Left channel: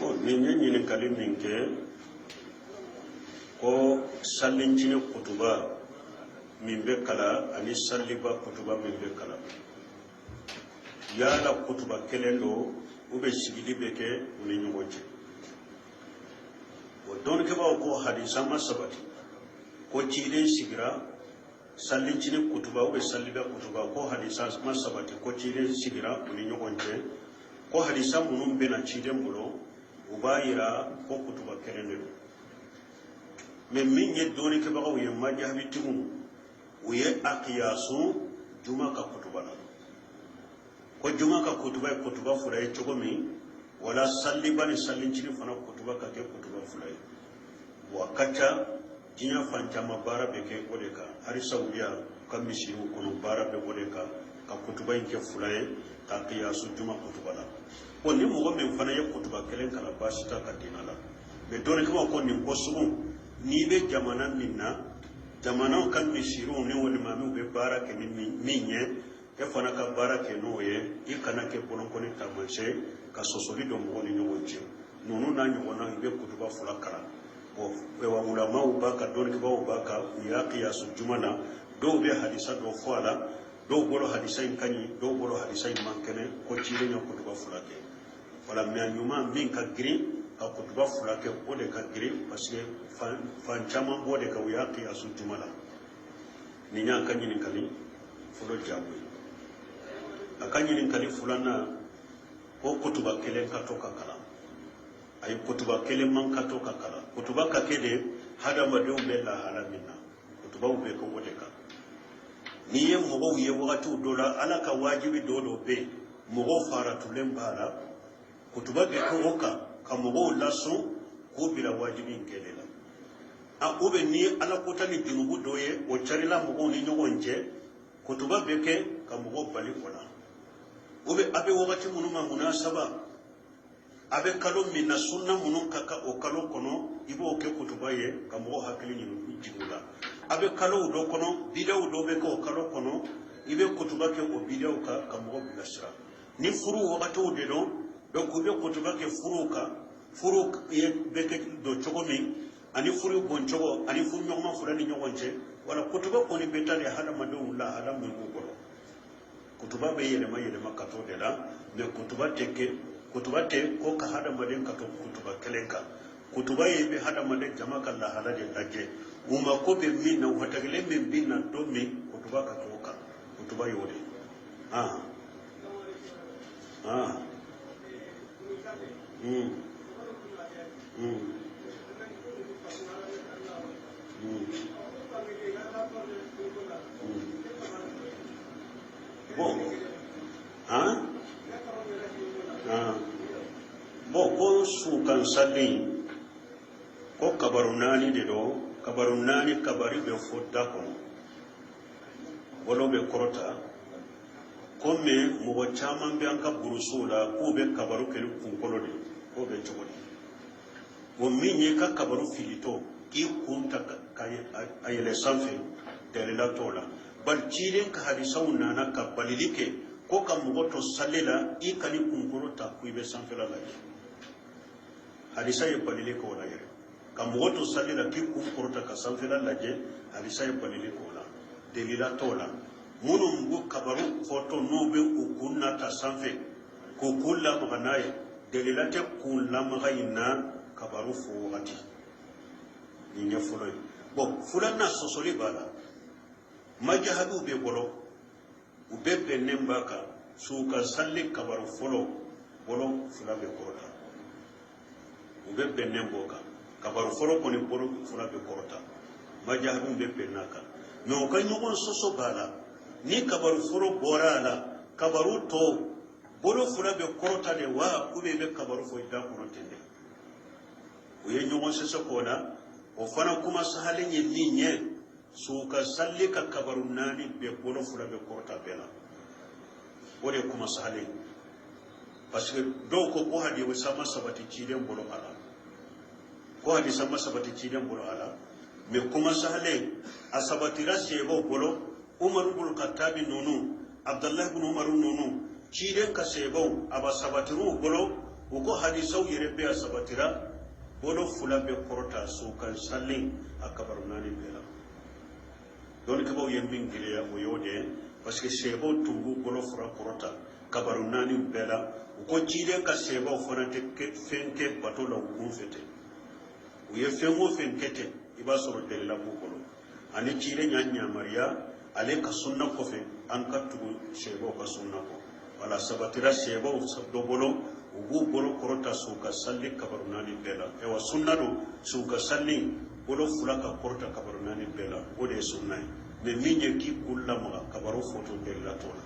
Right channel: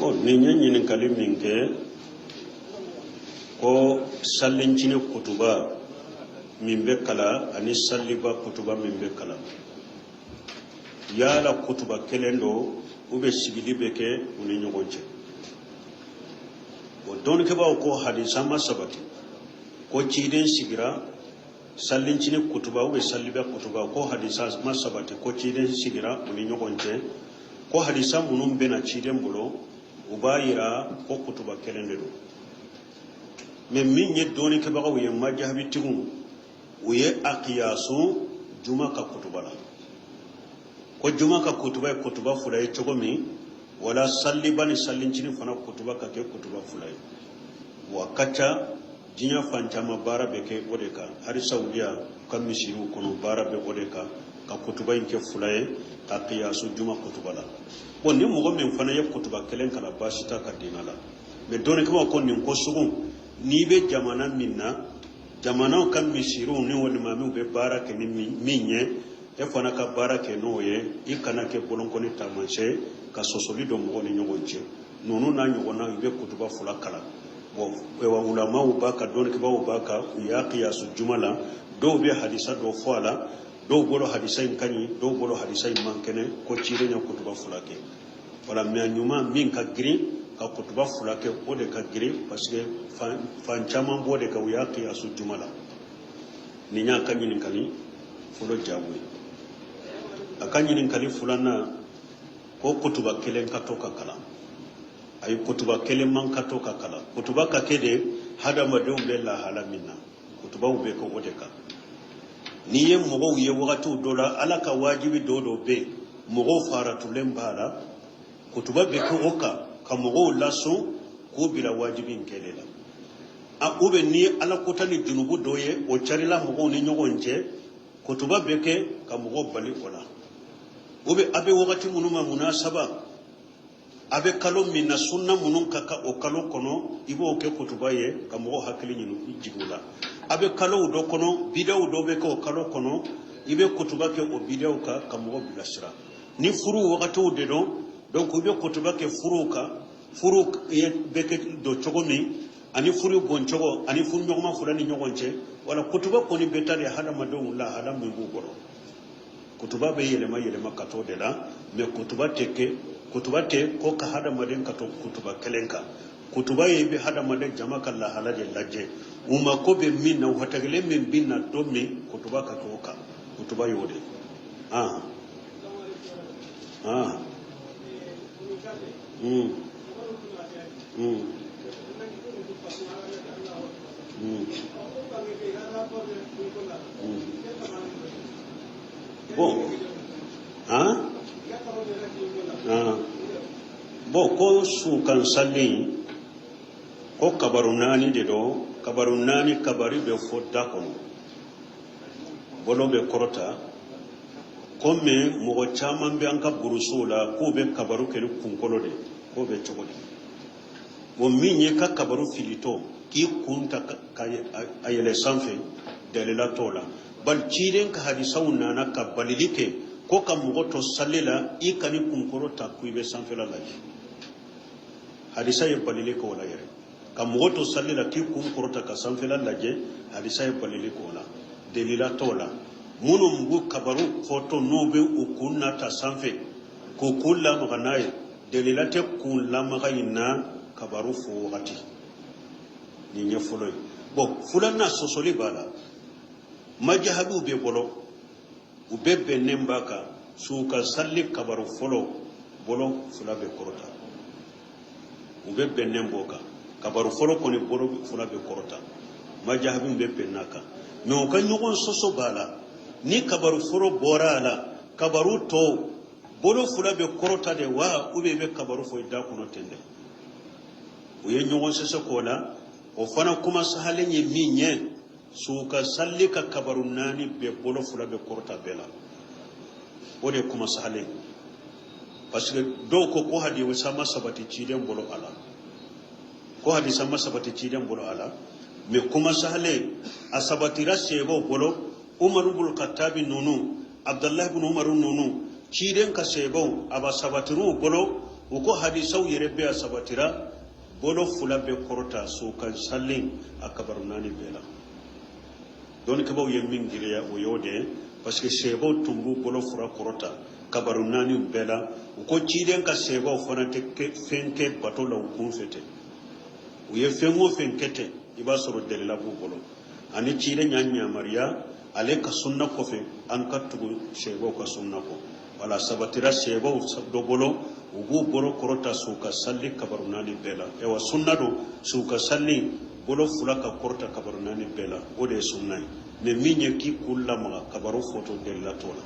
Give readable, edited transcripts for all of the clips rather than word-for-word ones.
Bon, ni kalim minke ko sallincini kutuba min be kala ani salliba kutuba min be kala yala kutuba kelendo ube sigili beke uni nyogonche o don ke ba ko hadisa ma sabati ko ciden sigira sallincini kutuba ube salliba kutuba ko hadisa ma sabati ko ciden sigira uni nyogonche ko hadisa munum bena ciden bulo ubayira ko kutuba kelendo mais min ye doni ke bagaw ye majahabi tigun uye aqiyasu juma ka kutuba la ko juma ka kutuba kutuba fulay togomi wala salli bani sallincini fana kutuba ka ke kutuba fulay wa kacha dinya fantama bara beke odeka hari saudiya kam misiru kono bara be odeka ka kutuba ke fulay ka qiyasu juma kutuba la bon ni mo men fana ye kutuba kelen kala basita ka dinala mais doni ke ko ni ko sugun ni be jamana minna jamana kan misiru ni woni mamu be barake ni minye e fana ka barake no ye ikana ke bolon ko ni tamanse ka sosobi do mo ni nyogonje nonu na nyogona be kutuba fula kala bo e wa ulama u baka don ke ba u baka ya qiyasu jumala do be hadisa do fala do bolo hadisa kany do bolo hadisa mankene ko cire nya kutuba fula ke wala me nyuma min ka gri ka kutuba fula ke o de ka gri parce que fan caman bo de ka uya qiyasu jumala ni nya ka nyini kali fulo jabu aka nyini kali fulana ko kutuba kelen ka to ka kala ay kutuba kelen man ka to ka kala kutuba ka kede hada madu be la hala minna kutuba be ko o de ka ni ye mo ye wakati dola ala ka wajibi dodo be mo fara tulen bala kutuba be ko oka ka mo laso ko bila wajibin kelela a ube ni ala kotani dinubu doye o charila mo ni nyogonje kutuba beke ka mo bali kola ube abe wakati munuma munasaba abe kalo minna sunna munun kaka o kalo kono ibo ke kutuba ye ka mo hakili ni jigula abe kalo do kono bidaw do be ko kalo kono ibe kutuba ke o bidaw ka mo bilasira ni furu wakati de do donc ube kutuba ke furu ye beke do chogomi ani furu gonchogo ani furu nyogoma fulani nyogonche wala kutuba ko ni betale hala madon la hala mi bugo kutuba be yele ma kato de la me kutuba te ko ka hada maden kato kutuba kelenka kutuba ye be hada maden jama kala hala de laje uma ko be minna hatagle men binna do mi kutuba ka to ka kutuba yode Bo ko su kan salli ko kabarunani de do kabarunani kabari be fodda ko bolo be korota ko me mo chaman be anka burusula ko be kabaru ken kunkolo de ko be chogoda wo minye ka kabaru filito ki kunta ka ayele sanfe dalila tola bal ciiden ka hadisaw nana ka balilike ko ka mugoto sallela i kani kunkoro ta kuibe sanfela laje hadisa ye balilike wala yere ka mugoto sallela ti kunkoro ta ka sanfela laje hadisa ye balilike wala dalila tola munu mbu kabaru foto nobe ukunna ta sanfe ko kulla no ganaye dalila te kulla magayina kabaru fo wakati ni nyafulo bo fulana sosoli bala majahabu be bolo ubebe nembaka suka salli kabaru folo bolo fula be korota ubebe nemboka kabaru folo koni bolo fula be korota majahabu be penata me o kan nugon soso bala ni kabaru folo borala kabaru to bolo fula be korota de wa ubebe kabaru fo da kono tende uye nugon soso kola o fana kuma sahalen ye minye suka salli ka kabarun nani be bolo fula be korta bela wode kuma sahalen parce que do ko hadi wa sama sabati ciden bolo ala ko hadi sama sabati ciden bolo ala me kuma sahalen asabati rasebo bolo umar ibn khattab nunu abdullah ibn umar nunu ciden ka sebo aba sabatiru bolo uko hadisau yerebe sabatira bolo fula be korota so kan sallin akabarunani bela don ke baw yemin giriya o yode parce que sebo tungu bolo fura korota kabarunani bela uko ciden ka sebo fana te fenke bato la ukun fete u ye fengo fenkete iba soro delila bu bolo ani ciden nyanya maria ale ka sunna ko fe an ka tugu sebo ka sunna ko wala sabatira sebo sabdo bolo ugu bolo korota suka salli kabarunani bela ewa sunna do suka salli bolo fula ka korota kabarunani bela o de sunna ne minye ki kulla ma kabaru foto bela tola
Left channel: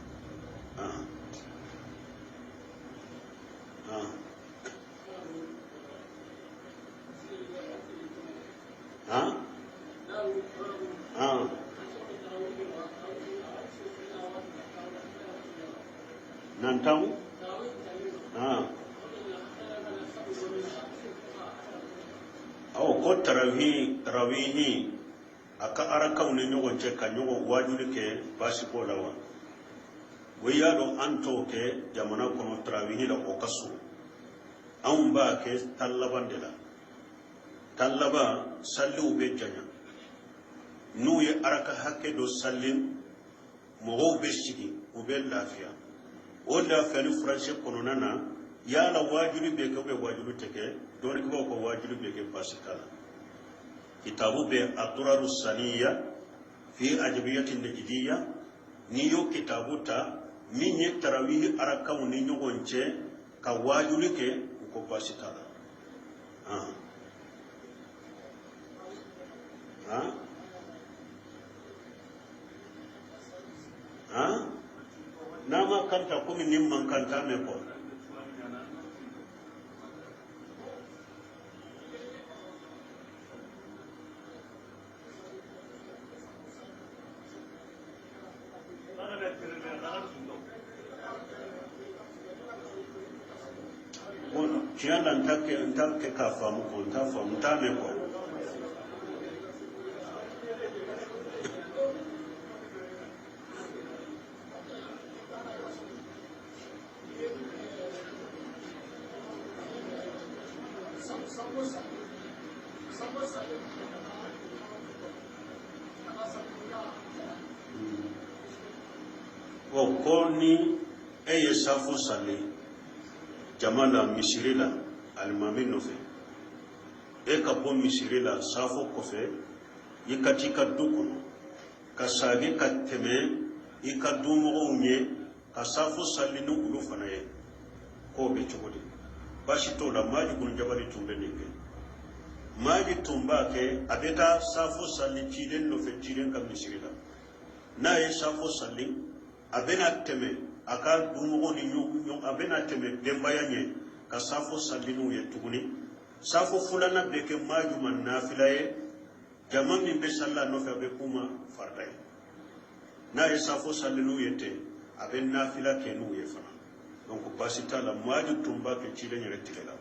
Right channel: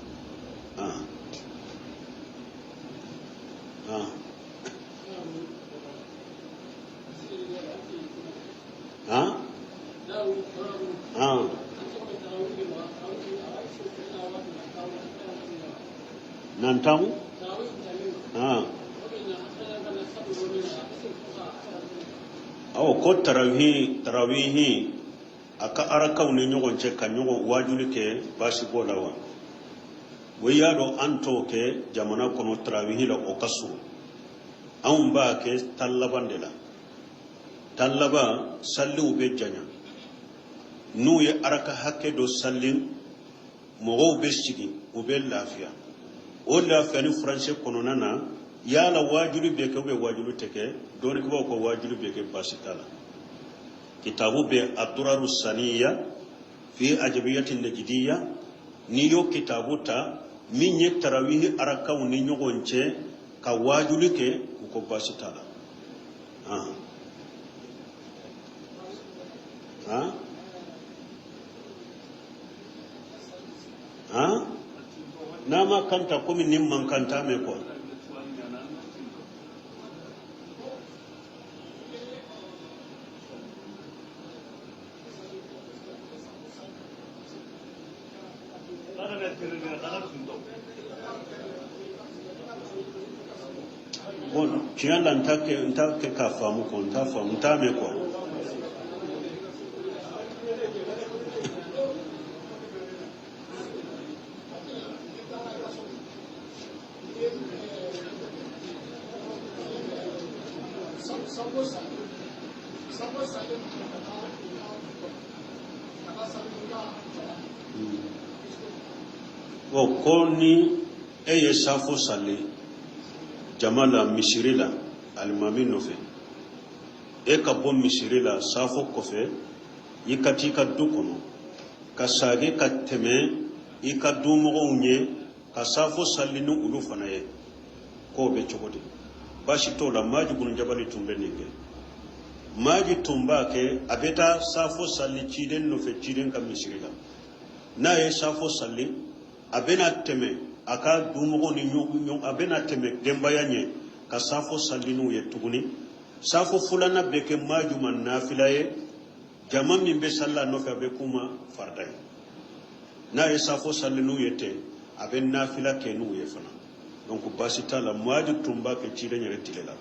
nantamu ko tarawihi aka arakaw ne ɲɔgɔn cɛ ka ɲɔgɔn wajuli kɛ basi ko la wa o y'a dɔn an t'o kɛ jamana kɔnɔ tarawihi la o ka surun anw b'a kɛ tan laban de la tan laban salliw bɛ janya n'u ye araka hakɛ dɔ salli mɔgɔw bɛ sigi u bɛ lafiya o lafiya ni faransɛ kɔnɔna na yala wajuli bɛ kɛ ubiyɛn wajuli tɛ kɛ dɔɔni kɛ b'aw ka wajuli bɛ kɛ basi t'a la kitabu bɛ aduraru saniya fi ajabiyati najidiya n'i y'o kitabu ta min ye tarawihi arakaw ni ɲɔgɔn cɛ ka wajuli kɛ u ko basi t'a la n'a ma kanta komi ni man kanta mɛ kɔ tiɲɛ la n t'a kɛ k'a faamu kɔ n t'a faamu n t'a mɛn kɔ ko ni e ye safo salli jama la misiri la alimami nɔfɛ e ka bɔ misiri la safo kɔfɛ i ka t'i ka du kɔnɔ ka sage ka tɛmɛ i ka dumɔgɔw ɲɛ ka safo salli ni olu fana ye k'o bɛ cogo di basi t'o la Maaji Bunu Jabari tun bɛ nin kɛ Maaji tun b'a kɛ a bɛ taa safo salli ciden nɔfɛ ciden ka misiri la n'a ye safo salli a bɛna tɛmɛ a ka dumɔgɔw ni ɲɔgɔn a bɛna tɛmɛ denbaya ɲɛ ka safo salli n'u ye tuguni safo filanan bɛ kɛ Maaji ma nafila ye jama min bɛ salli a nɔfɛ a bɛ k'u ma farida ye n'a ye safo salli n'u ye ten a bɛ nafila kɛ n'u ye fana donc basi t'a la Maaji tun b'a kɛ ciden yɛrɛ tile la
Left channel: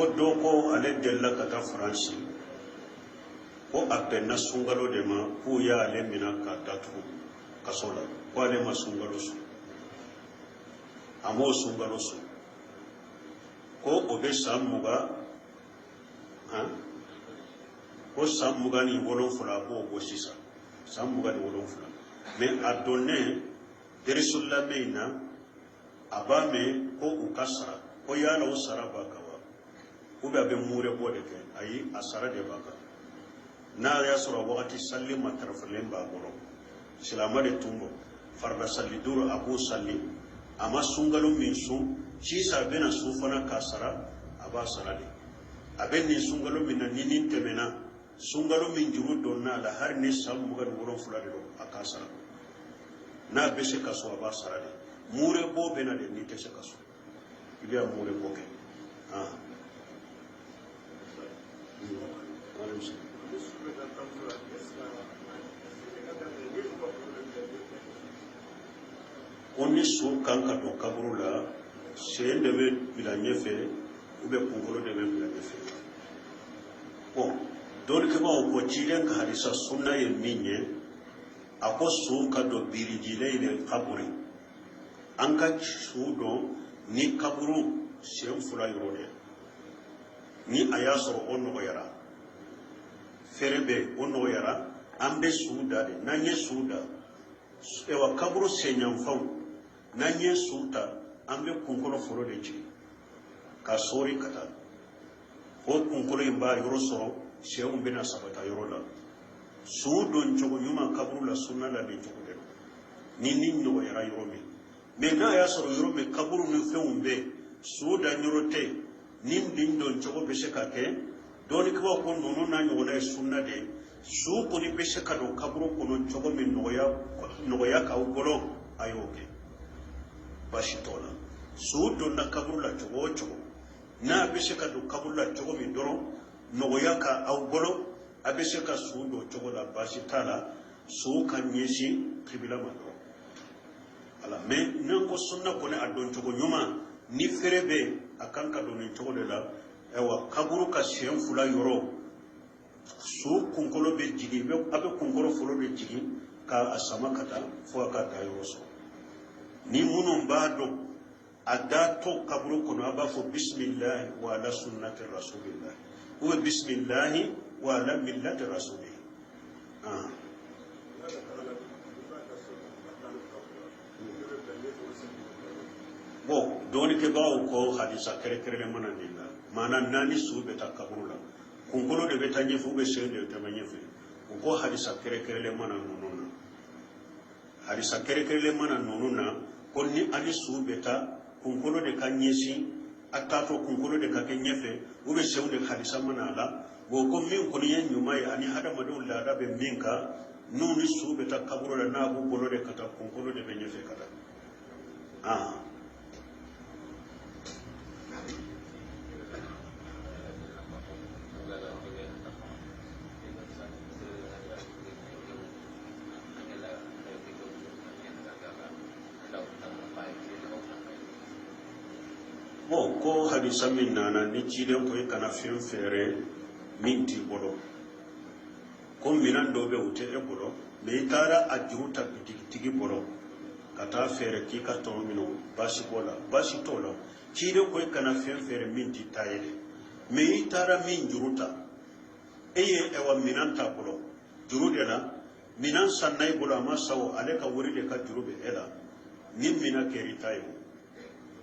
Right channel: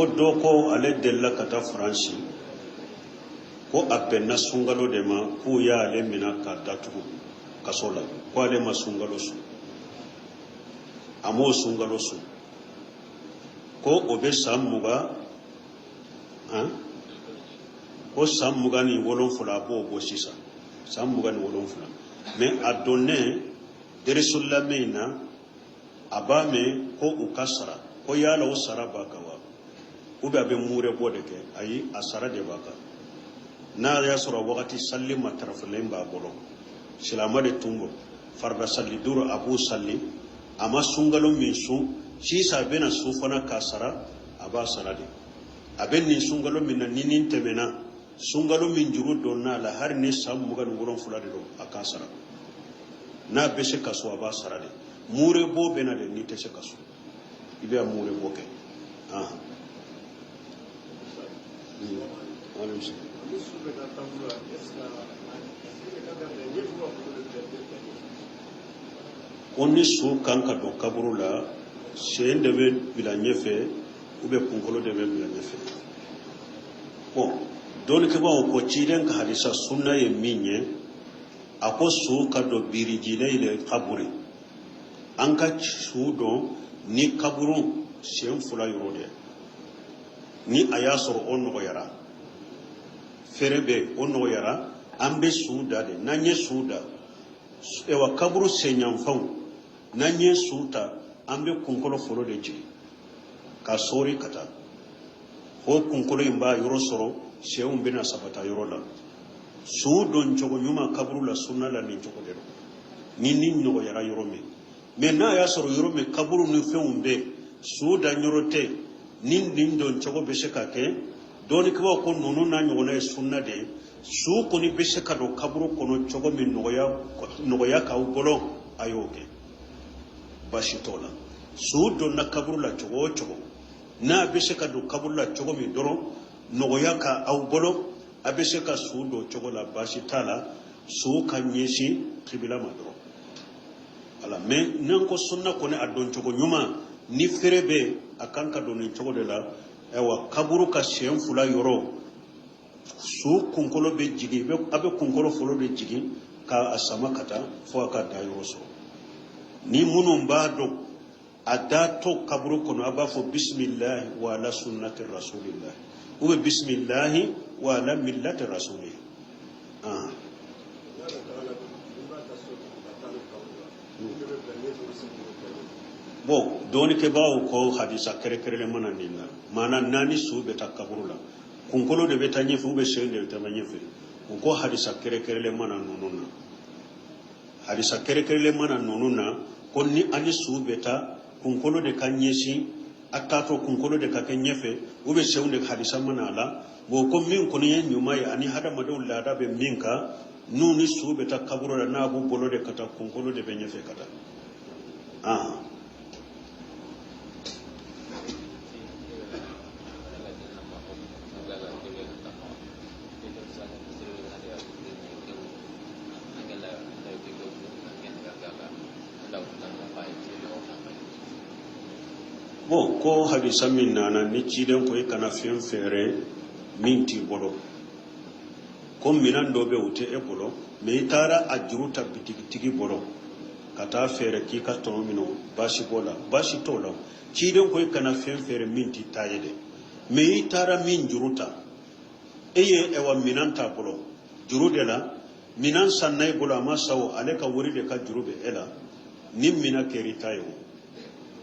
ko dɔ ko ale delila ka taa Faransi ko a bɛnna sunkalo de ma k'u y'ale minɛ k'a datugu kaso la ko ale ma sunkalo sɔn a m'o sunkalo sɔn ko o bɛ san 20 ko san 27 a b'o bɔ sisan san 27 mais a donnen deresulla min na a b'a mɛn ko u ka sara ko yala o sara b'a kan ou bien a bɛ muure bɔ de kɛ ayi a sara de b'a kan n'a y'a sɔrɔ wagati salli matarafalen b'a bolo silama de tun don farida salli duuru a b'o salli a ma sunkalo min sun sisan a bɛna su fana k'a sara a b'a sara de a bɛ nin sunkalo min na ni nin tɛmɛna sunkalo min juru donna a la hali ni san 27 de don a t'a sara n'a bɛ se ka so a b'a sara de muure bɔ bɛ na de n'i tɛ se ka so i bɛ muure bɔ kɛ onni su kan ka don kaburu la sen de be bila ɲɛfɛ u bɛ kunkolo de bɛ bila ɲɛfɛ bon dɔɔni kɛ b'a ko ciden ka hadisa sunna ye min ye a ko su ka don birijile ile kaburi an ka su dɔn ni kaburu sen fila yɔrɔ de ni a y'a sɔrɔ o nɔgɔyara fɛrɛ bɛ o nɔgɔyara an bɛ su da de n'an ye su da ewa kaburu senyanfanw n'an ye su ta an bɛ kunkolo fɔlɔ de jigin ka sɔɔri ka taa o kunkolo in b'a yɔrɔ sɔrɔ senw bɛna sabata yɔrɔ la su don cogo ɲuman kaburu la sunna la nin cogo de don ni nɔgɔyara yɔrɔ min mais n'a y'a sɔrɔ yɔrɔ min kaburu ni fɛnw bɛ su da yɔrɔ tɛ nin don cogo bɛ se ka kɛ dɔɔni kɛ b'a ko ninnu n'a ɲɔgɔnna ye sunna de ye su kɔni bɛ se ka don kaburu kɔnɔ cogo min nɔgɔya k'aw bolo a y'o kɛ baasi t'o la su donna kaburu la cogo o cogo n'a bɛ se ka don kaburu la cogo min dɔrɔn nɔgɔya k'aw bolo a bɛ se ka su don cogo la baasi t'a la su ka ɲɛsin kibila ma dɔrɔn voilà mais n'an ko sunna kɔni a don cogo ɲuman ni fɛrɛ bɛ a kan ka don nin cogo de la ayiwa kaburu ka sen fila yɔrɔ su kunkolo bɛ jigin a bɛ kunkolo fɔlɔ de jigin k'a sama ka taa fo a ka da yɔrɔ sɔrɔ ni minnu b'a dɔn a da to kaburu kɔnɔ a b'a fɔ bisimilahi wa ala sunnati rasulillah ou bien bisimilahi wa ala millati rasulillah bon dɔɔni kɛ b'aw ko hadisa kɛrɛkɛrɛnnen mana nin la maana naani su bɛ taa kaburu la kunkolo de bɛ taa ɲɛfɛ ou bien sen de bɛ taa ɲɛfɛ u ko hadisa kɛrɛkɛrɛnnen mana ninnu na hadisa kɛrɛkɛrɛnnen mana ninnu na ko ni ani su bɛ taa kunkolo de ka ɲɛsin a taatɔ kunkolo de ka kɛ ɲɛfɛ ou bien senw de hadisa mana a la bon ko min kɔni ye ɲuman ye ani hadamadenw laada bɛ min kan n'u ni su bɛ taa kaburu la n'a b'u bolo de ka taa kunkolo de bɛ ɲɛfɛ ka taa bon ko hadisa min nana ni ciden ko i kana fɛn fɛɛrɛ min t'i bolo ko minan dɔ bɛ u tɛ e bolo mais i taara a juru ta bitigitigi bolo ka taa fɛɛrɛ k'i ka tɔnɔ minɛ baasi b'o la baasi t'o la ciden ko i kana fɛn fɛɛrɛ min t'i ta ye dɛ mais i taara min juru ta e ye ewa minan t'a bolo juru de la minan sanna i bolo a ma sa o ale ka wari de ka juru bɛ e la ni mina kɛra i ta ye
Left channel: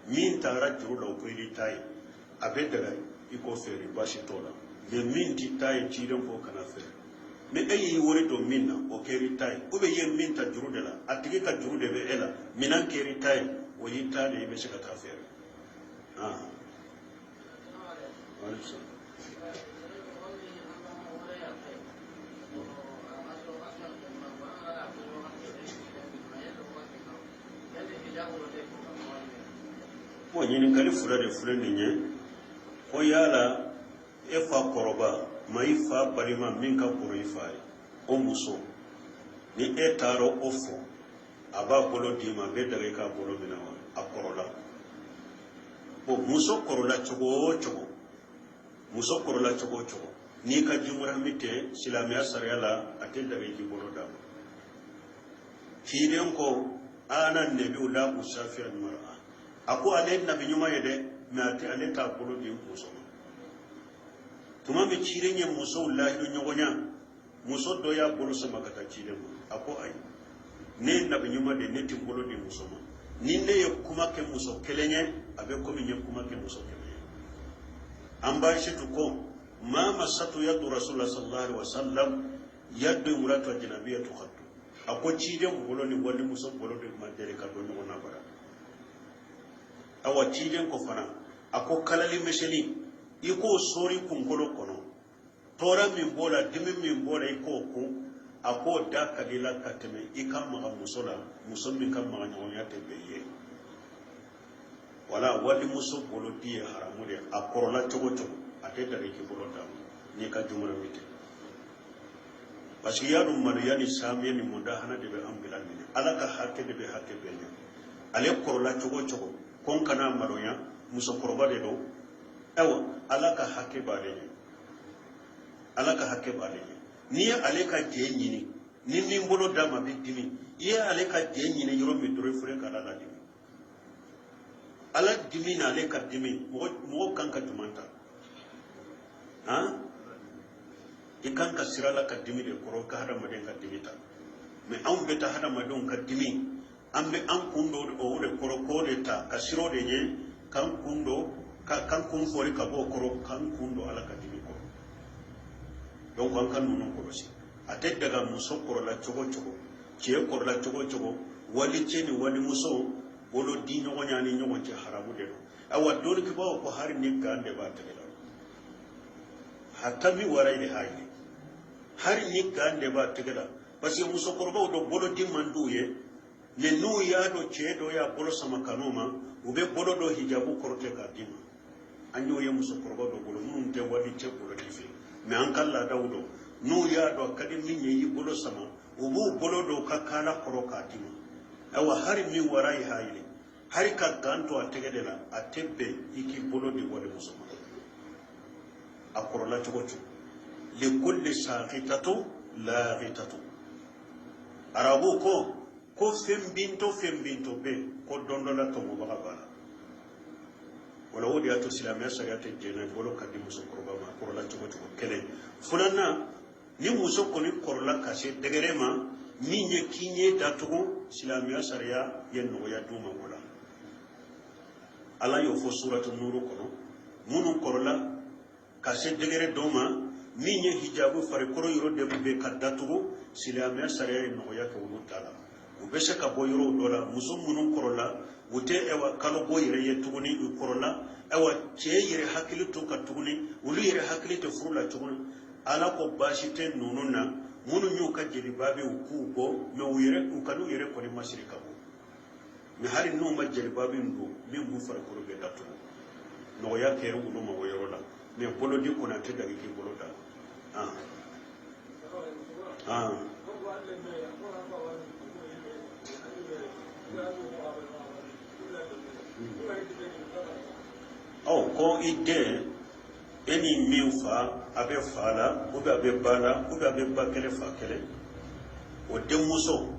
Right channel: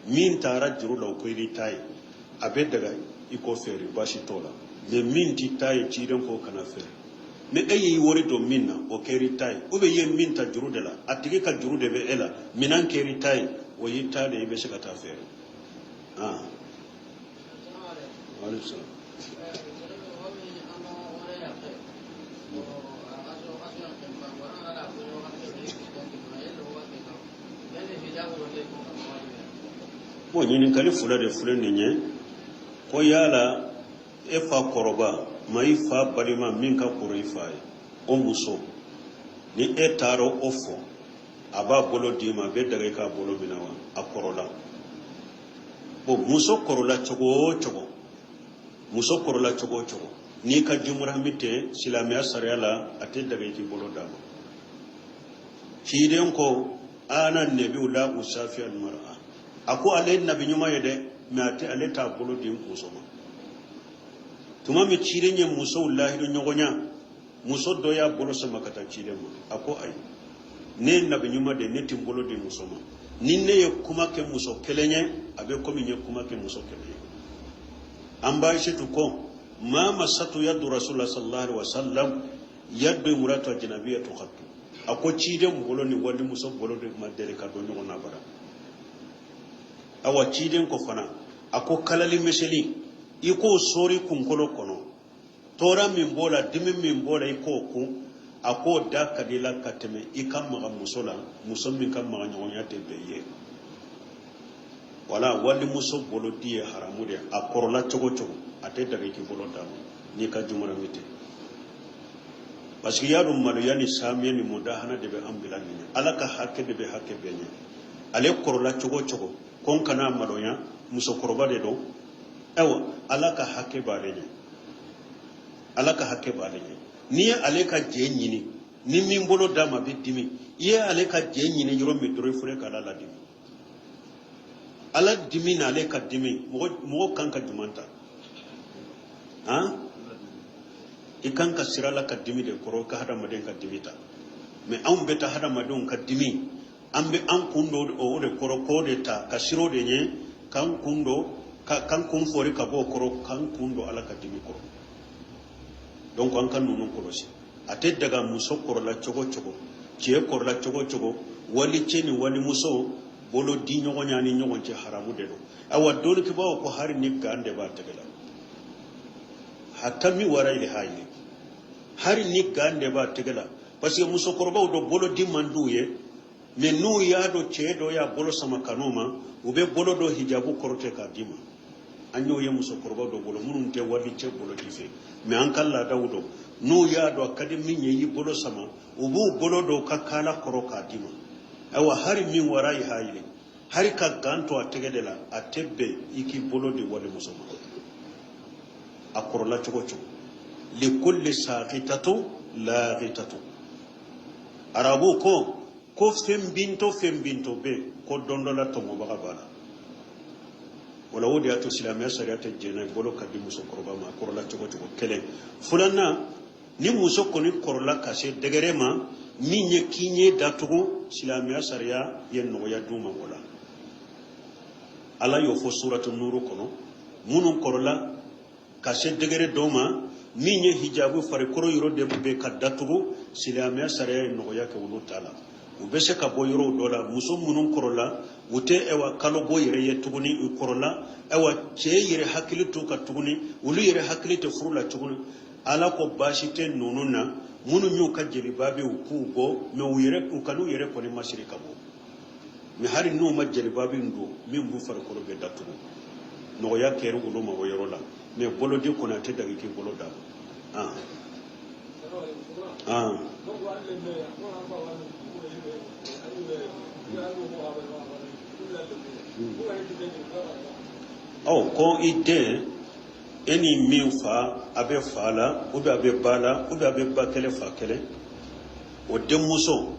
min taara juru la o ko i ta ye a bɛ daga i ko fɛɛrɛ baasi t'o la mais min t'i ta ye ciden ko kana fɛɛrɛ mais e y'i wari don min na o kɛra i ta ye ou bien i ye min ta juru de la a tigi ka juru de bɛ e la minan kɛra i ta ye o y'i ta de i bɛ se ka taa fɛɛrɛ ko ɲininkali fila de filɛ nin ye ko yala e fa kɔrɔba ma i fa balima min ka kɔrɔ i fa ye o muso ni e taara o fɔ a b'a bolo d'i ma a bɛ daga i k'a bolo minɛ wa a kɔrɔla bon muso kɔrɔla cogo o cogo muso kɔrɔla cogo o cogo n'i ka jumurahimi tɛ silamɛya sariya la a tɛ daga i k'i bolo d'a ma ciden ko ana nabiyu la usafi al-mar'a a ko ale nabi ɲuman ye dɛ mais a tɛ ale t'a bolo di muso ma tuma min ciden ye musow lahidu ɲɔgɔnya muso dɔ y'a bolo sama ka taa ciden ma a ko ayi ne ye nabi ɲuman de ne tɛ n bolo di muso ma ni ne ye kuma kɛ muso kelen ye a bɛ komi n ye kuma kɛ muso kelen ye an b'a Aishatu ko ma masatu yadu rasulullah sallallahu alaihi wasallam yadu imratu ajnabiyyatu qattu a ko ciden bolo ni wali muso bolo de ma deli ka don ɲɔgɔn na bara awa ciden ko fana a ko kalali miseli i ko sori kunkolo kɔnɔ tɔɔrɔ min b'o la dimi min b'o la i k'o kun a k'o da ka di la ka tɛmɛ i ka maga muso la muso min ka maga ɲɔgɔnya tɛ bɛn i ye wala wali muso bolo di ye haramu de a kɔrɔla cogo cogo a tɛ daga i k'i bolo da ni ka jumuramite parce que yaɗum maɗo yani samiye ni mudahana de ɓe ambilanni ala ka hakke de ɓe hakke beña ale korola cogo cogo kon kana maɗoya muso koroba de ɗo awa ala ka hakke baɗeña ala ka hakke baɗeña ni ale ka je ñini ni min bolo dama be dimi iye ale ka je ñini yoro mi dore fure kala la dimi ala dimi na ale ka dimi mogo kan ka dumanta i kan ka sirala ka dimi de koro ka hadamaden ka dimi ta mais anw beta hadamadenw ka dimi an be an kundo o de koro ko de ta ka siro de nye kan kundo kan kun fori ka bo koro kan kundo ala ka dimi koro donc an kan nunu korosi ate daga muso korola cogo cogo cee korola cogo cogo wali ceni wali muso bolo di ɲɔgɔn ɲani ɲɔgɔn cɛ haramu de don awa doni kibawa ko hari ni gande b'a tɛgɛ la hatta mi wara ile hayni hari ni gande b'a tɛgɛ la parce que musokɔrɔbaw do bolo di man d'u ye mais n'u y'a do cɛ dɔ y'a bolo sama kanu ma u bɛ bolo dɔ hijabu kɔrɔtɛ k'a di ma an y'o ye musokɔrɔbaw dɔ bolo minnu tɛ wali cɛ bolo di fɛ mais an ka laadaw dɔn n'u y'a dɔn a ka di min ye i bolo sama u b'u bolo dɔw ka kaala kɔrɔ k'a di ma awa hari min wara i hayile hari ka gan to a tɛgɛ de la a tɛ bɛn i k'i bolo di wali muso ma a kɔrɔla cogo cogo likulli saqitatu laqitatu arabu ko fɛn binto be ko don dɔ la tɔmɔbaga b'a la wala o de y'a to silamɛya sariya tɛ jɛnna i bolo ka di musokɔrɔba ma a kɔrɔla cogo cogo kɛlɛ filanan ni muso kɔni kɔrɔla ka se dɛgɛrɛ ma min ye k'i ɲɛ datugu silamɛya sariya ye nɔgɔya d'u ma o la ala y'o fɔ suratu nuru kɔnɔ minnu kɔrɔla ka se dɛgɛrɛ dɔw ma min ye hijabu farikolo yɔrɔ de bɛ ka datugu silamɛya sariya ye nɔgɔya kɛ olu ta la u bɛ se ka bɔ yɔrɔw dɔ la muso minnu kɔrɔla u tɛ kalo bɔ yɛrɛ ye tuguni u kɔrɔla cɛ yɛrɛ hakili to ka tuguni olu yɛrɛ hakili tɛ furu la tuguni ala ko baasi tɛ ninnu na minnu y'u ka jeliba bɛ u k'u bɔ mais u kan'u yɛrɛ kɔni masiri ka bɔ mais hali n'u ma jeliba bɛ don min b'u farikolo bɛ datugu nɔgɔya kɛra olu ma o yɔrɔ la mais bolodi kɔni a tɛ dagi k'i bolo da ko i den e ni min fa a bɛ fa la ou bien a bɛ ba la ou bien a bɛ ba kɛlɛ fa kɛlɛ o denmuso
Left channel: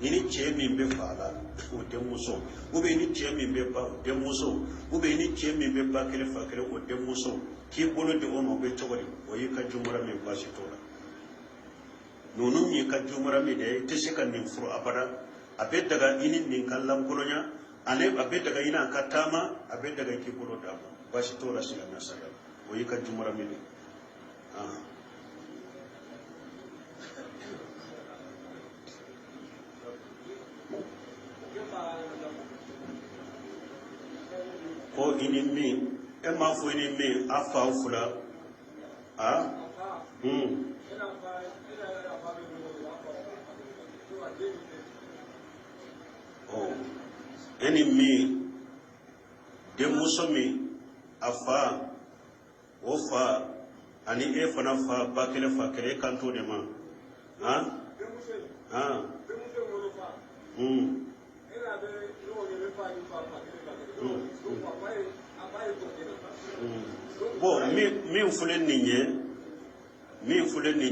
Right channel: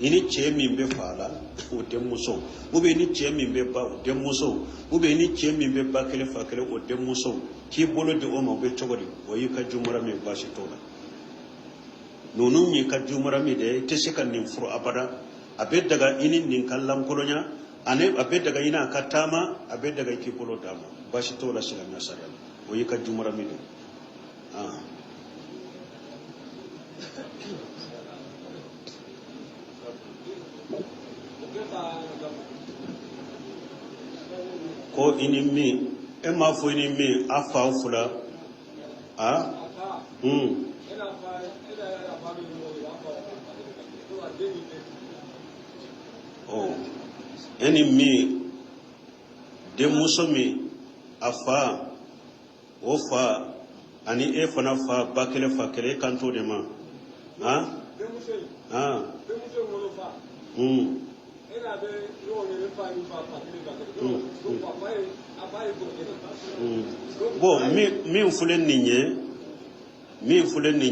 i ni cɛ min bɛ fa la o denmuso ou bien i ni cɛ min bɛ ba o denmuso ou bien i ni cɛ min bɛ ba kɛlɛ fa kɛlɛ o denmuso k'i bolo di o ma o bɛ cogo di o y'i ka jumara min baasi t'o la ninnu y'i ka jumara min de i tɛ se ka nin furu abada a bɛ daga i ni nin ka lankolonya ani a bɛ daga i n'a ka taama a bɛ daga i k'i bolo d'a ma baasi t'o la silamɛya sariya o y'i ka jumara min de ko i ni min e m'a fɔ i ni min a fa fila e ni min denmuso min a fa o fa ani e fana fa ba kɛlɛ fa kɛlɛ e kan t'o de ma bon min filɛ nin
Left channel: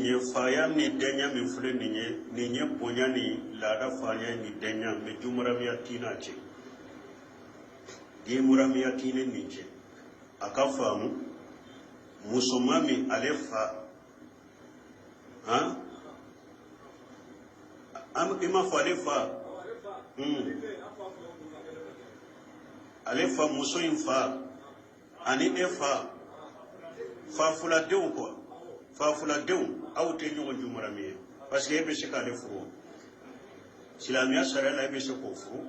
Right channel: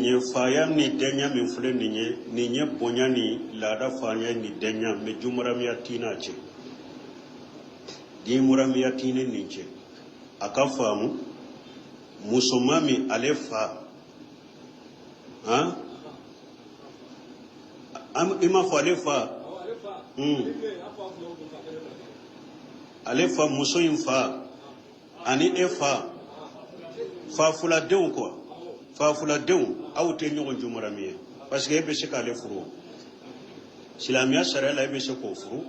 ye faya ni dɛnya min filɛ nin ye bonya ni laada faya ni dɛnya mais jumaramiya tina cɛ jumuramiya tine nin cɛ a ka faamu musoman min ale fa i ma fɔ ale fa ale fa muso in fa ani e fa fuladenw quoi fa fuladenw aw tɛ ɲɔgɔn jumarami ye parce que e bɛ se k'ale furu silamɛya sariya la e bɛ se k'o furu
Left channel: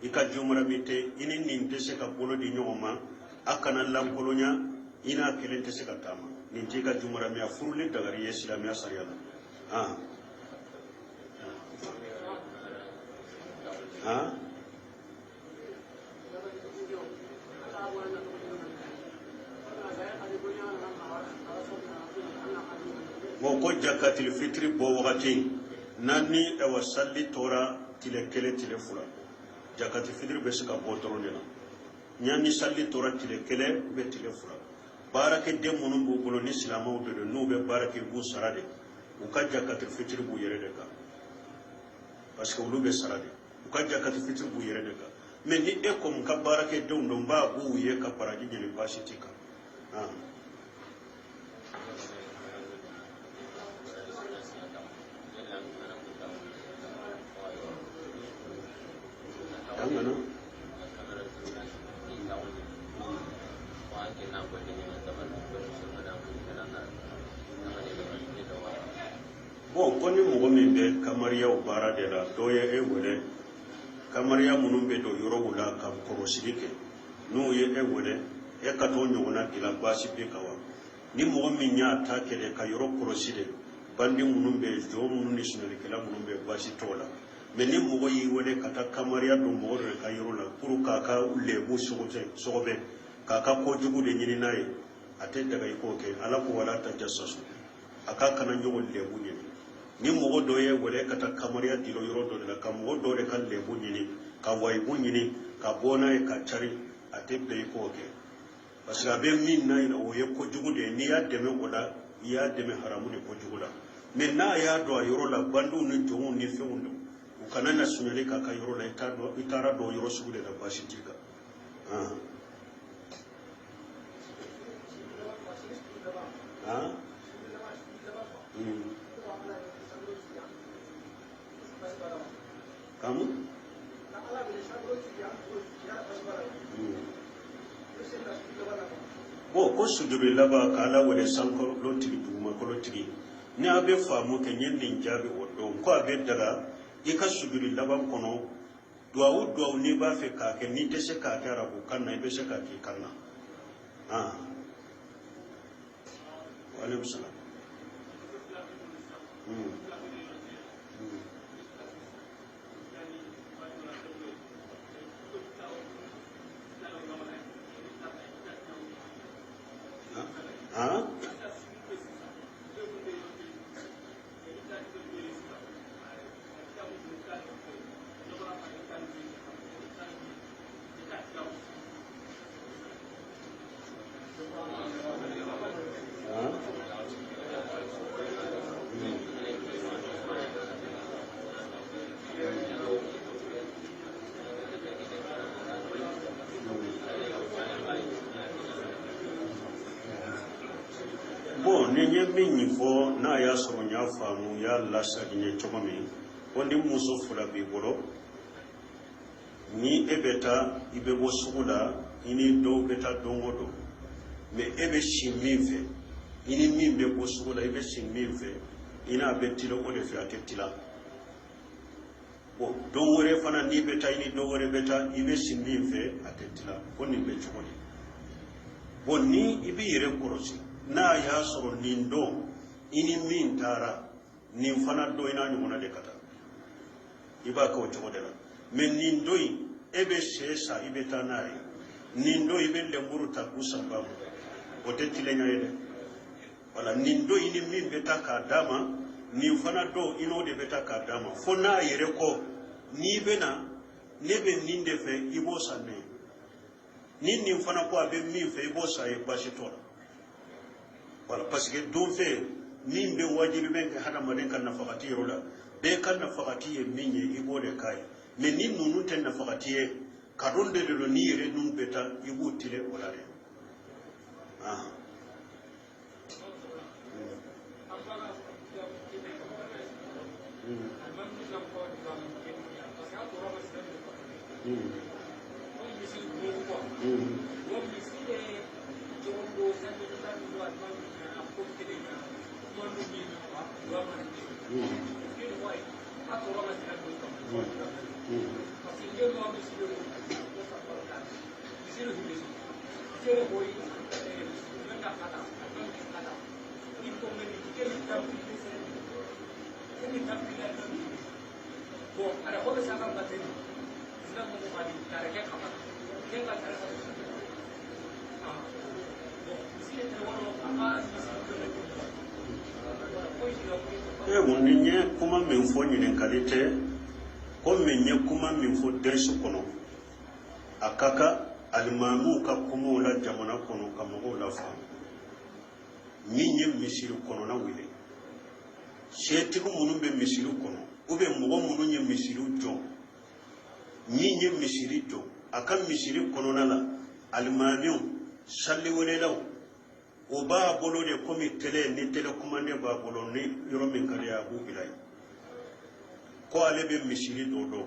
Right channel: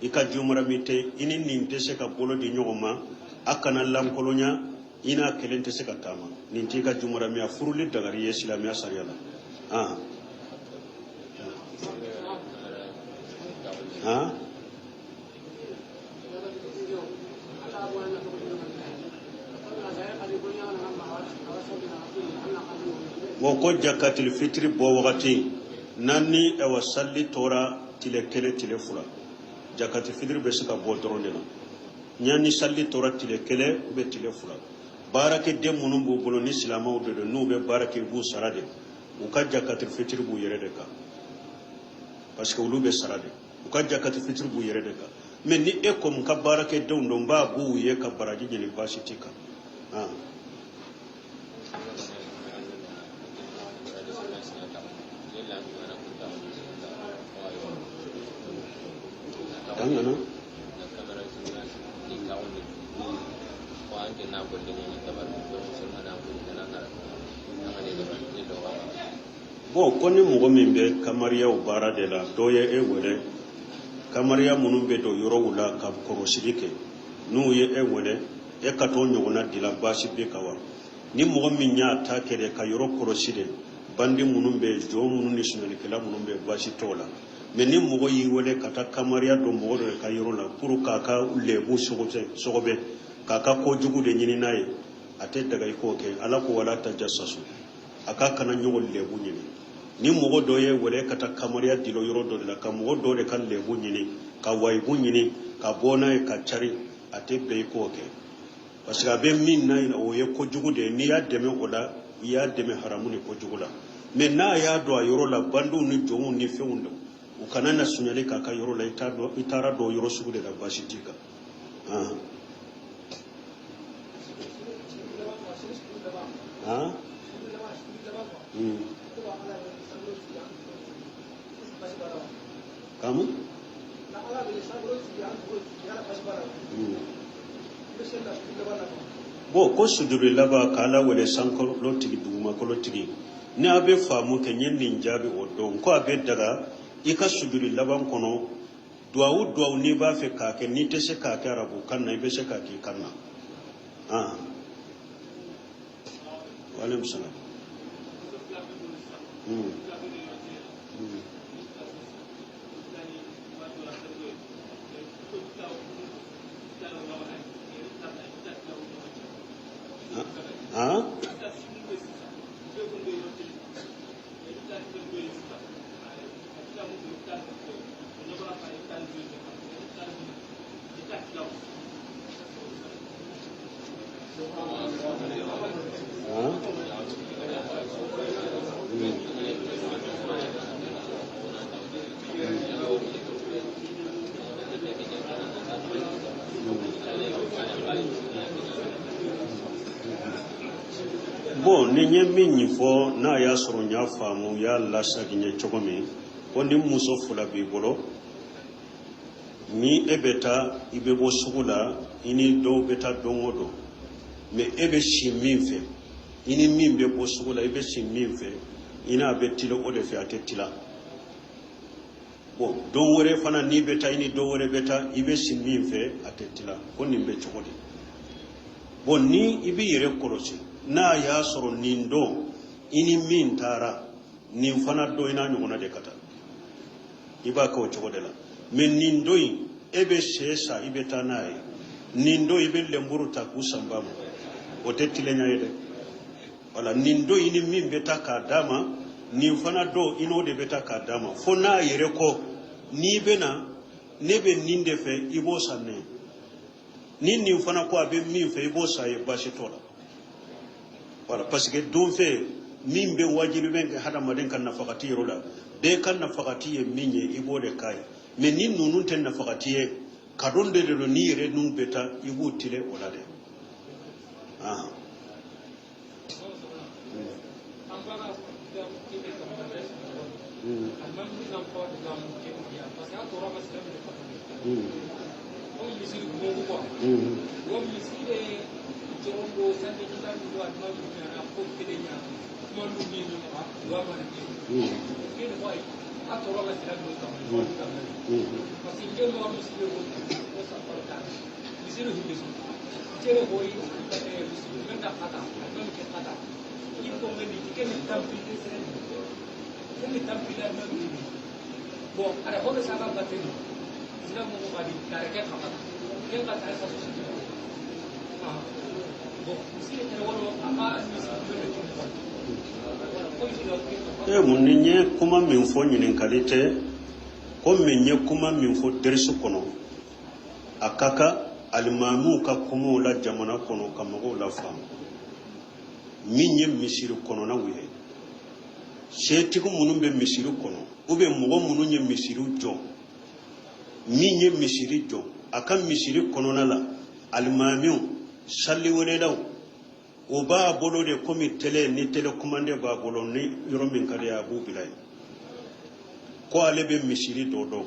i ka jumarami tɛ i ni nin tɛ se ka bolo di ɲɔgɔn ma a kana lankolonya i n'a kelen tɛ se ka taama nin t'i ka jumaramiya furuli dagari ye silamɛya sariya la mo ko jakatil fitri bo wakati nanni e wasalli tora tile kele tile fula jakatil fitri be sika bo doronde la nyani salli tora tile kele be tile fula barake de munum bu bolo ni silamaw de no be barake bu sarade u ka jakatil fitri bu yere de ka parce que ulu be sarade u ka jakatil fitri bu yere de ka mais ni e ko ka barake de ndo ba bu ye ka baraji ni bashi tika bon koni mogo min be kamariya o baara de la dɔ ye e wele kamariya minnu be do yɔrɔ wula ka kɔrɔsigi kɛ n'u ye e wele e ka t'o ɲɔgɔnna dila baasi be ka wa ni mogo min y'a ta kɛ de ka yɔrɔ kɔrɔsi de bandi minnu be jɔ minnu ni sunalikɛla minnu be baasi t'o la mais ni mogo y'i wele ka taa kamariya don mogo de ka yɔrɔ la pour k'a ka lebu sɔgɔbɛ k'a ka kojugu de ɲini n'a ye a tɛ daga i k'o kɛ ala ko wala tajassasu a ka kana ɲɔgɔn lebu ɲini ni mogo dɔ ye wele ka taa kamariya dilo yɔrɔ dɔ de la ka mogo dɔ de ka lebu ɲini ka wayibu ɲini ka bɔ n'a ye ka cari a tɛ bɛn i k'o kɛ parce que a bɛ min na o ye kojugu de ye n'i y'a dɛmɛ o la i y'a dɛmɛ haramu de kojugu la mais n'a y'a dɔn a yɔrɔ la bandiw ni jɔnw ni fɛnw la u kana na sunali k'a ka yɔrɔ la i taara dɔn yɔrɔ sugu de la baasi t'i kan bon ko sujudi laban k'ala wele sankɔrɔ tigi dugumakolo tigi ni a bɛ faamu kɛ n ye nin jaabi o dɔn ko a bɛ daga i ka sujudi laban kɔnɔ duwawu n'i b'a fɛ k'a kɛ n'i tɛ se k'a kɛ arabu kan na i bɛ se k'a k'i kan na wale bisala bon ni ye min fɔ n'a y'a sɔrɔ n y'a faamu y'a lasagi ɲɛ cogo min ko ni muso fila b'i bolo ni e bɛ taa i bɛ bɔ sugu la i ni dɔw bɛ taa don o don mais e bɛ si min fɛ i ni min bɛ bɔ sugu la i bɛ si min fɛ i n'a bɛ tila o de fɛ a tɛ tila bon don wɛrɛ fana n'i bɛ taa i ni dɔw wɛrɛ bɛ taa i bɛ si min fɛ a tɛ tila ko nin bɛ cogo di bon ni i b'i yɛrɛ kɔlɔsi n'a y'a sɔrɔ nin don i ni min taara nin fana don i n'a ɲɔgɔnna de ka taa i b'a kɛ o cogo de la mais nin don in e bɛ sɛ san i bɛ taa n'a ye nin don i bɛ lenburu ta k'u san ba ma o tɛ tilenya ye dɛ wala nin don i ni min bɛ taa k'a d'a ma nin fana don i n'o de bɛ taa k'a d'a ma fo n'a yɛrɛ kɔ n'i bɛ na ne bɛ nin de fɛ i b'o san ne ye ni nin fana ko a bɛ min fɛ i b'o san ye baasi t'o la voilà parce que don fɛ min bɛ wajibi bɛ hadamaden ka nafakati yɔrɔ la bɛɛ ka nafakati ye min ye i b'o de k'a ye mais ni ninnu tɛ nafakati ye kadon de don n'i yɛrɛ ninnu bɛ taa i b'u tile o la dɛ munninye kuma min fo nyinin kalite ko menye kuma min fo dersu kono akaka alimamu ka kuma la jamana kono kamago la fam minye misiri kono na wile setiku munun be misiri kono ube mugo munun ye misiri jo minye misiri jo akan misiri kono na la alimamu salli wele daw o ba bolo de komi tele ni tele commande ba bolo ni yoro min kale abu bilay ko ale be misiri dodo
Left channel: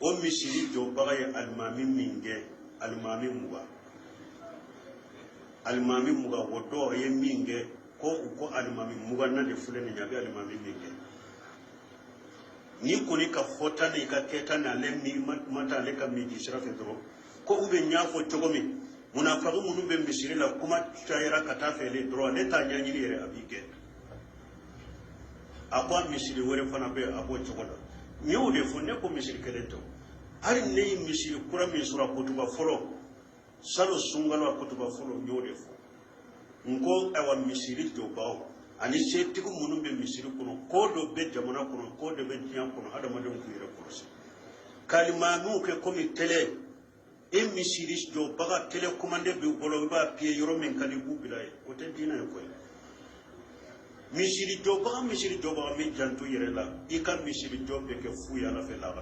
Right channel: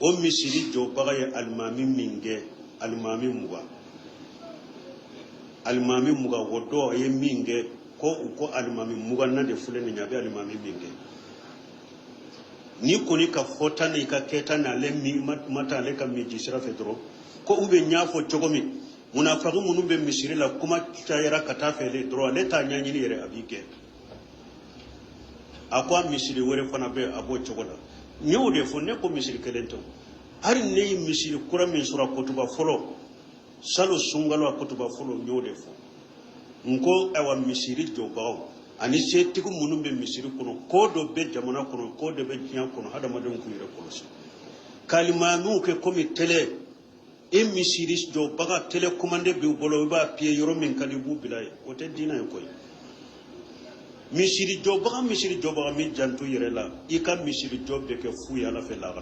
o misiri jo bagay almami minge almami muga wodo ye minge ko almami muga na de fule ni nyabe almami minge ni koni ka fota ni ka keta na le mi mata le ka mi jisra fedro ko ube nyafo chogomi munafaku munu be misiri la kuma tayera kata fele droit leta nyanyini yere abike akwa misiri wore fana be abo chogola nyu de fonne ko misiri kelento hari ne misiri kura min sura kutuba folo salo sungalo kutuba folo nyu de fo nko awa misiri jobaw ani setiku munu be misiri kono ko do be jamana kono ko do be tiyan kono hada madon ku yere kono kalimanu ke komi tele misiri jo baga telecommande bi bolo ba pie yoro min kali bu bilay o te dina ko misiri jo baga mi jantu yere la i ka misiri jo be ke fu ya la fe la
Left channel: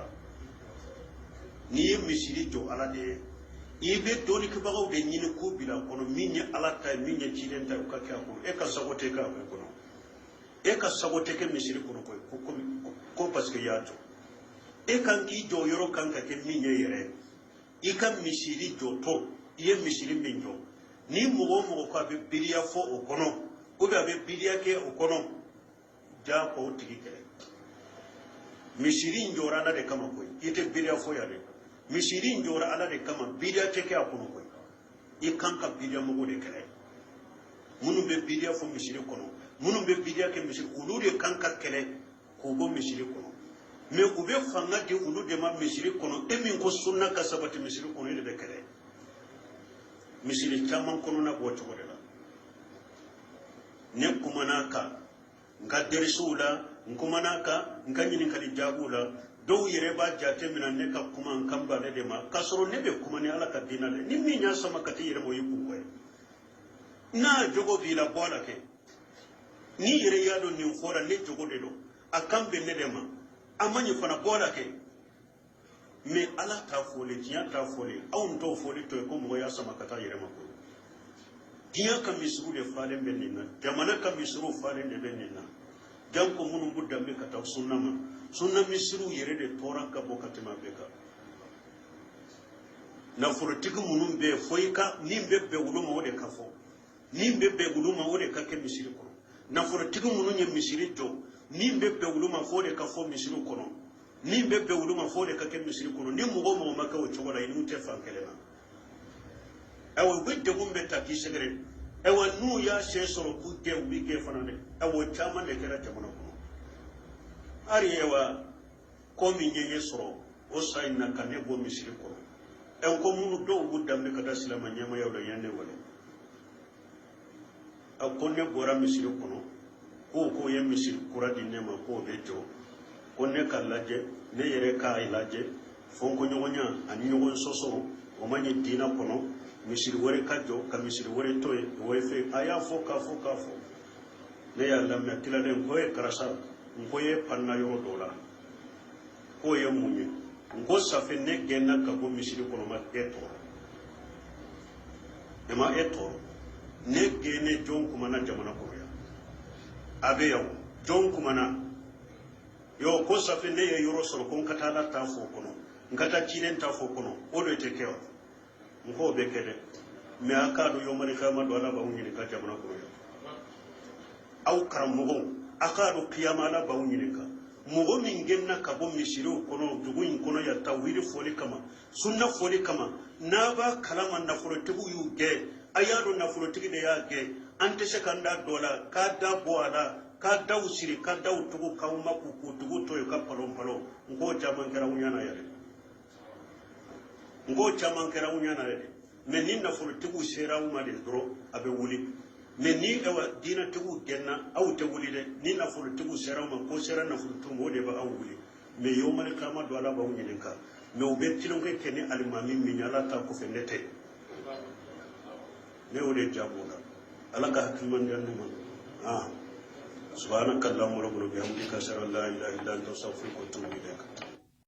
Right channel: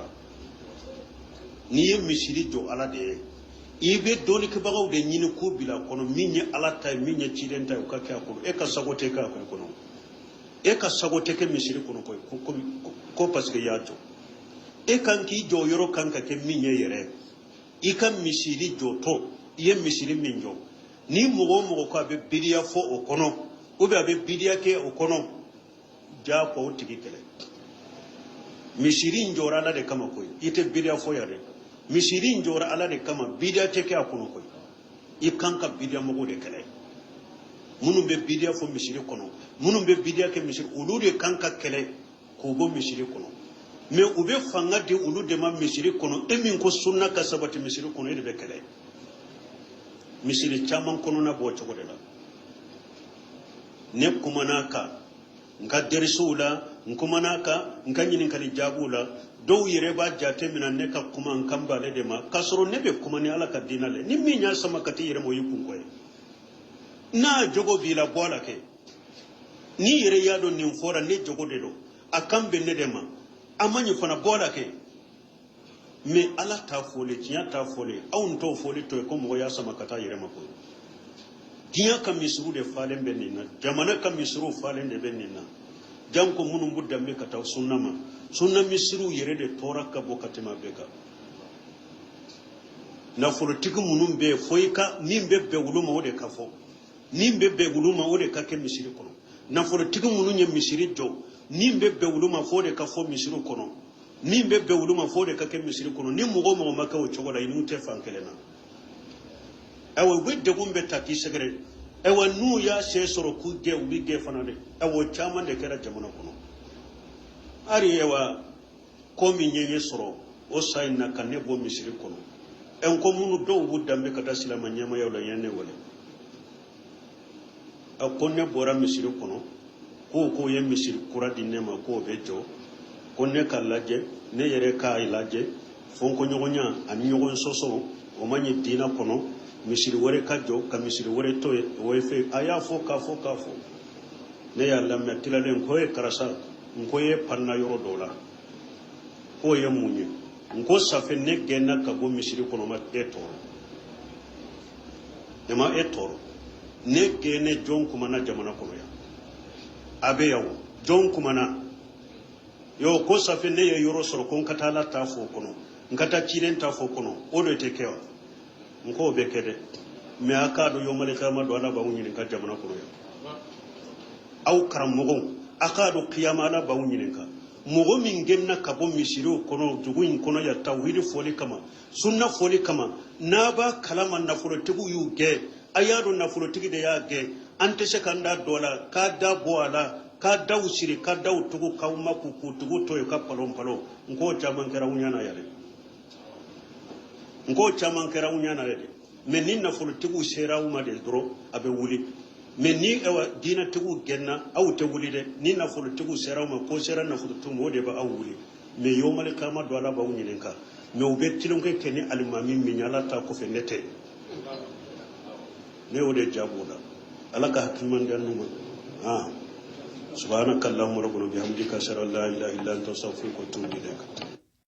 ni misiri jo ala de i be doni ke baga de nyini ko bila kono minye ala tay minye chidenta ka ka ko e ka sagote ka kono e ka sagote ke misiri kono ko parce que ya jo e kan ki jo yoro kan ka ke minye yere ika misiri joto iye misiri minjo ni mugo ko abe bidiya fo o kono o be abe bidiya ke o kono ja ko tigi kele misiri njora la de kama ko ite bidiya fo yare misiri njora ala de kama bidiya te ke akono ko ikanka bidiya mugo de kele munu be bidiya fo misiri kono munu be bidiya ke misiri ulu de kanka kele ko go misiri kono mais ube fanga di ulu de ma misiri kono emin ko sunna ka sabati misiri kono de bekele misiri chaman kono na bo chogo de la ne kumanaka nka derisula nkumanaka nka nyini kali jabula do yere ba jate mina ne ka kuma nkamba de ma kasoro ne be kuma ni ala ka dinale ni minya sama kati yere mo yikun ko na jogo bila bola ke ni yere yado ni fora ne jogo de do akambe ne de ma amani fana bola ke me ala ta fole tiya ta fole awun to fole to ko mo ya sama kata yere mako tiya kam misru de falen benina jamana kam misru falen de benina jam ko munum budda me kata sunna ma sunna misru yere de tora ka bokati ma beka na folo tiku munum be foika nimbe be wuluma wode kafo nimbe be wuluma wode kake misiri kono na folo tiku munum nye misiri do nimbe be wuluma fode kafo misiri kono nimbe be wuluma fode kake misiri kono ni mugo mo maka o chogoda inu te fankele no awo wedde gumbe taki segre ewa nu ya se soro ku ge wi ge fanade ewo chama de kera jamuna kono ari ewa komi nyenye soro o sayna kanne bo misiri kono en ko munu do budda me kata silama nyama yawla yanne wala akonne bora misiri kono ko ye misiri kuradi nema ko bejo konne kalaje ne yere ka ilaje fonko nyogonya ami nyogon soso o manye dina kono misiri wore kajo ka misiri wore toye o fe aya fo ka ne ya lamme tilalen ko e karasa ko ye panna yoro dola ko ye munye ngo safe ne genna ka go misiri kono ma eto ne gene jon kuma na jamana ko ya abe yaw jon kuma na yo ko safe ne ye yoro soro kon katala ta fo kono ngata chilen ta fo kono o do te kewa nko be kede me akado yo male kama do ala ba wuni ka jamana ko ya aw karam mugo akado qiyama ala ba wuni ka mugo min genna ka bo misiru kono jugun kono ya tawhid foli kama sunna foli kama na ba kalama na folo tibu yu ge ayado na folo tigi de ya ge ante sekanda dola ka da boala ka da usiri ka da utugu ka umaku kutugu to e ka palom palo ngo jaman kera unyana yale ngo jaman kera unyana yale menin na folo tibu sera uma de dro abe wuli mais ni dina tigu genna aw te wuli de ni na fulu tigu serama ko sera na fulu tumo de ba aw wuli mais yomal kama do ala ba wuni ka mais o be tilon ke keni almami mi nyala ta ko fe nete ne o de jabola ala ka hakiman dan no subhanakallahumma rabbana bihamdika ashhadu an la ilaha illa anta astaghfiruka wa atubu ilaik